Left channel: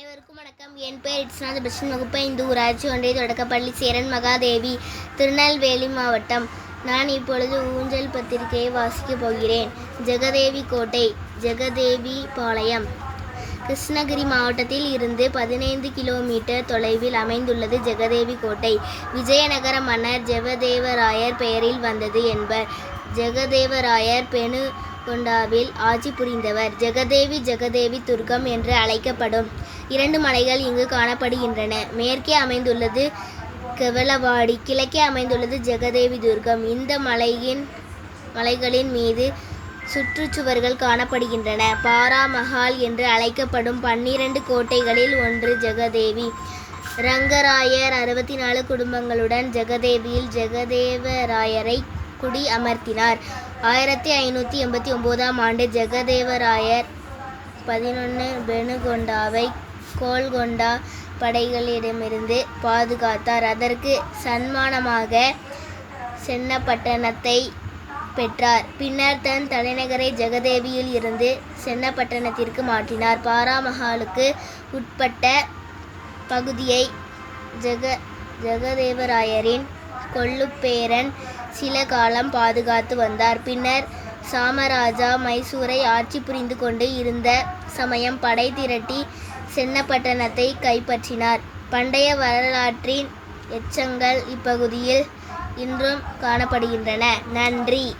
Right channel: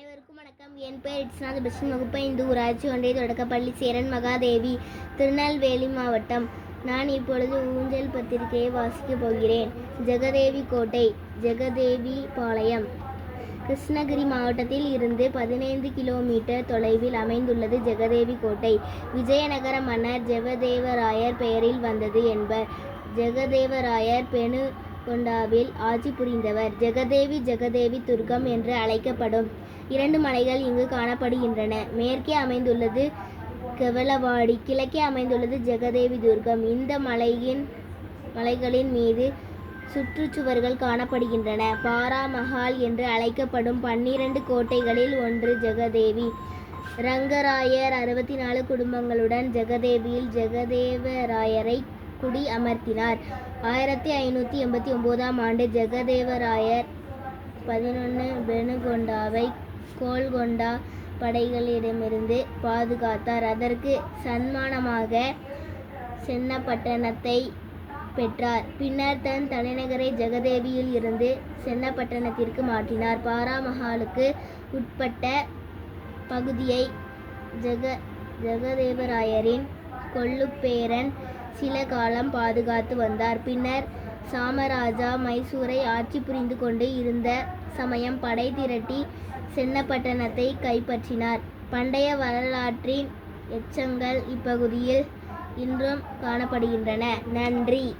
அனைவருக்கும் வணக்கம். என் பெயர் இட்ஸ்நாத் பஷன் வகுப்பு இந்து ஊராட்சி ஒன்றிய தொடக்கப்பள்ளி சேரன் மகாதேவி திருநெல்வேலி மாவட்டம். நான் இப்பொழுது ஊஞ்சல் பத்திரிகையை வாசிக்கப் போகிறேன். ஜெகதேவி கோட்டை ஜெகதேவி பாளையம். கிருஷ்ணகிரி மாவட்டத்தில் இருந்து பதினைந்து கிலோமீட்டர் தொலைவில் அமைந்துள்ளது ஜெகதேவி கோட்டை. விஜயநகர மன்னர் ஜெகதேவராயர் பெயரில் வந்தது என்பர். ஜெகதேவராயர் பெணு கொண்டாவில் ஆட்சி புரிந்தவர். ஜெகதேவி ஜெகதேவி துர்கம் என்று அழைக்கப்படும் இரண்டு மலைகள் இங்கு காணப்படுகின்றன. மேற்கே அமைந்துள்ளது கெவலவாடி கிழக்கே அமைந்துள்ளது ஜெகதேவி துர்கம் இந்த மலையின் மலைகளின் மீது சுற்றுச்சுவர்கள் காணப்படுகின்றன. பாரா மஹால் என்று அழைக்கப்படும் பன்னிரண்டு கோட்டைகளில் ஒன்று ஜெகதேவி. ரங்கராயர் அறுபத்தி நாலு குடும்பங்களுடன் ஜெகதேவியில் ஜெகதேவராயரை குடி அமர்த்தினார். ஆயிரத்தி ஐநூற்றி எண்பத்தி ஒம்போதாம் ஆண்டு ஜெகதேவராயர் பதினொன்று பெனுகொண்டாவை கோல்கொண்டா படைகளிடமிருந்து பாதுகாத்தார். அதற்கு சன்மானமாக சென்னப்பட்டணத்தை பெற்றார். பின்னர் தன் தலைநகரை ஜெகதேவியில் இருந்து சென்னப்பட்டணத்திற்கு மாற்றினார். பாராமஹாலுக்கு உட்பட்ட பகுதியை ஜெக ஜெகதேவராயரின் கொள்ளுப்பேரன் சில காலம் பாதுகாத்து வந்தார். பின்னர் சாமராஜா மைசூரை ஆட்சி புரிந்து கொண்டு இருந்த சமயம் படை திரட்டி சென்னப்பட்டணத்தை கைப்பற்றினார். பண்டைய வரலாற்றின் எச்சங்கள் இப்பகுதியில் இன்றும் காணப்படுகின்றன. நன்றி.